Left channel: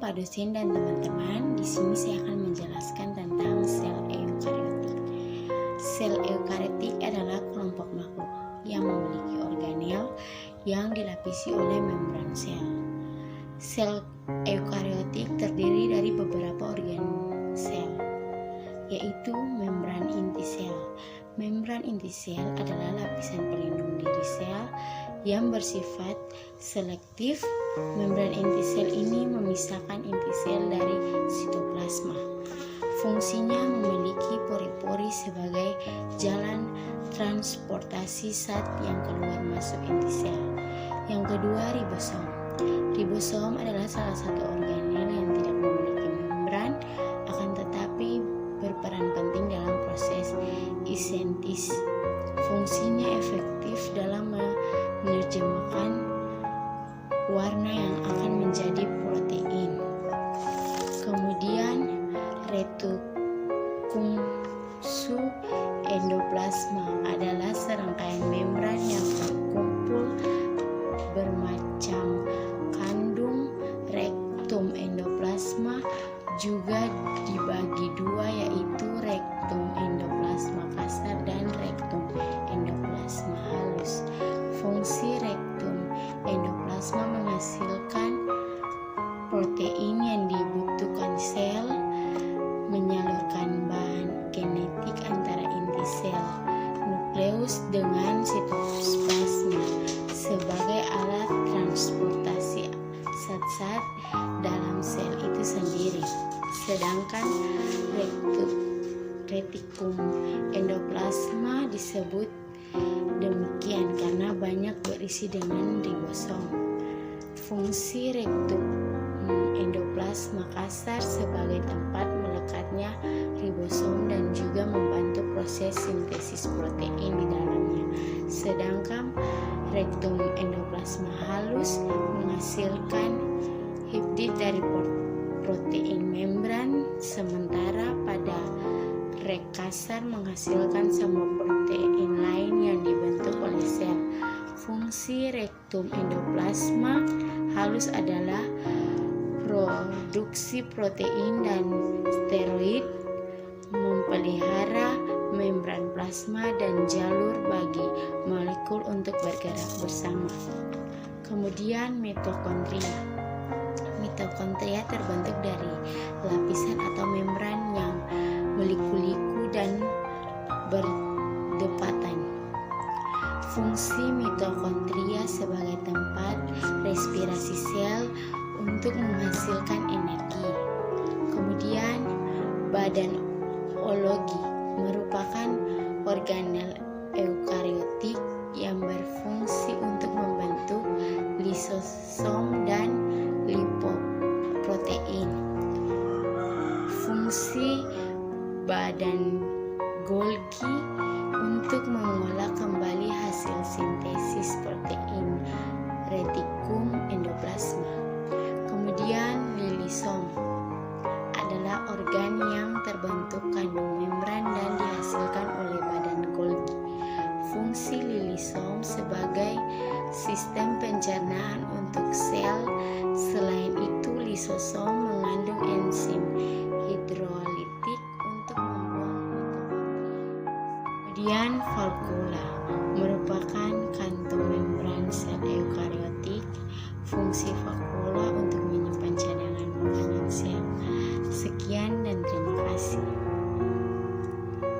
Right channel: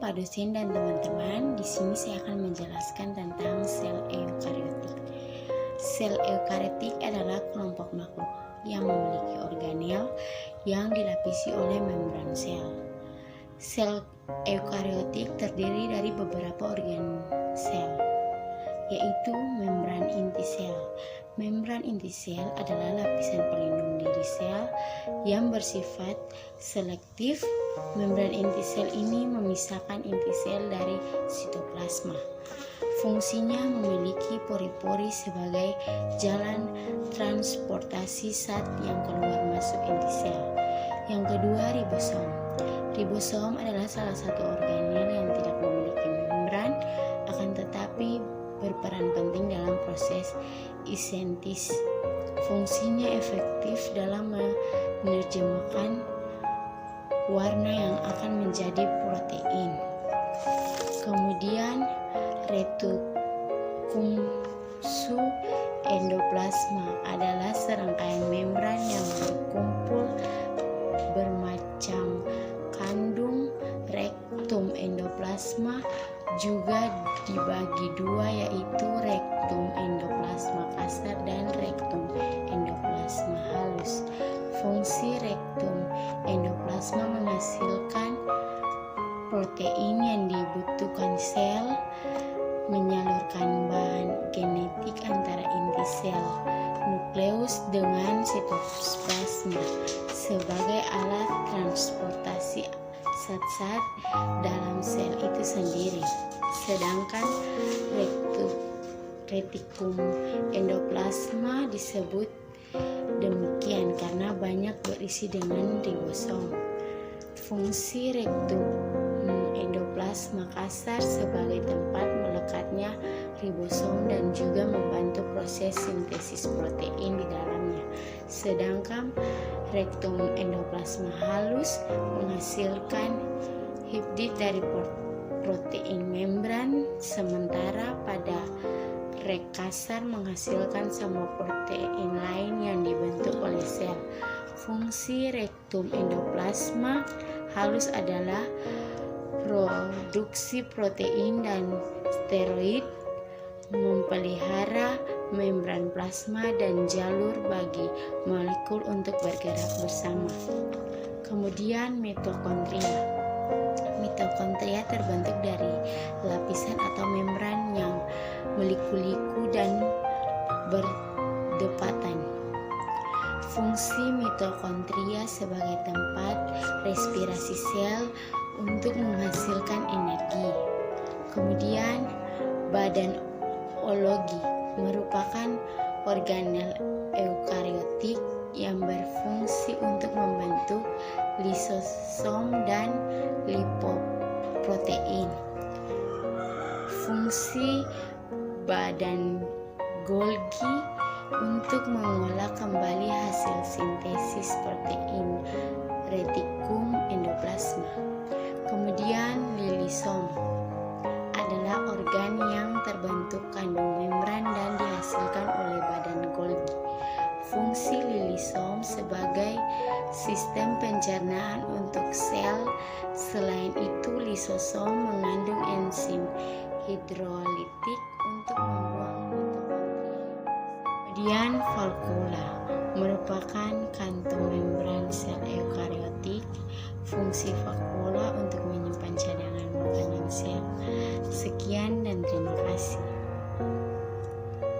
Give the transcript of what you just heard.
Pak dosen dan teman-teman. Di sini saya akan menjelaskan tentang sel eukariotik. Sel eukariotik adalah kelompok makhluk yang memiliki organel yang dilapisi oleh membran sel. Sel eukariotik terdiri dari beberapa organ sel, yaitu membran inti sel. Membran inti sel adalah lapisan pelindung diri sel yang bersifat selektif. Membran inti sel ini memisahkan inti sel dari sitoplasma. Fungsinya memiliki pori-pori sebagai jalan transportasi zat yang keluar masuk inti sel. Yang kedua, ribosom. Ribosom adalah salah satu organel yang tidak memiliki membran, akan tetapi berperan penting dalam proses isentis. Fungsinya efektif dalam menerjemahkan warna yang akan menjadi protein. Kemudian retikulum endoplasma adalah serangkaian membran yang berkumpul bermacam kandung. Rektum endoplasma juga dibagi dua, yaitu rektum endoplasma kasar dan rektum endoplasma halus. Fungsi rektum endoplasma menghasilkan protein yang dibutuhkan sel, menyalurkan bahan genetik antara inti sel nukleus dengan sitoplasma sebagai alat transportasi zat-zat dalam sel itu sendiri. Sedangkan retikulum endoplasma disebut demikian karena banyak berisi dengan ribosom. Fungsi rektum endoplasma kasar sebagai tempat melekatnya ribosom dan juga membantu proses sintesis protein di dalamnya. Sedangkan rektum endoplasma halus menghasilkan hibrid dari protein membran, sementara pada rek kasar menghasilkan semua protein lain yang dibentuk oleh sel. Fungsi rektum endoplasma halus adalah produksi protein dan steroid, memelihara membran plasma dan jalur bagi molekul untuk bergerak bersama. Kemudian mitokondria. Mitokondria terbentuk dari lapisan atau membran yang meliku-liku dan berdepatan. Fungsi mitokondria sebagai tempat respirasi sel untuk menghasilkan energi. Kemudian badan ologi merupakan organel eukariotik yang berfungsi untuk membentuk lisosom dan lipoprotein. Fungsi badan Golgi untuk mengolah kembali hasil sintesis protein retikulum endoplasma. Kemudian lilisom adalah organ yang terbentuk kandung membran dan dihasilkan oleh badan Golgi. Fungsi lilisom sebagai sistem pencernaan untuk sel. Selain itu, lisosom mengandung enzim hidrolitik untuk membuang mitokondria. Kemudian vakuola merupakan kantung membran sel eukariotik. Fungsi vakuola untuk menyimpan cadangan makanan sel. Sekian dan terima kasih.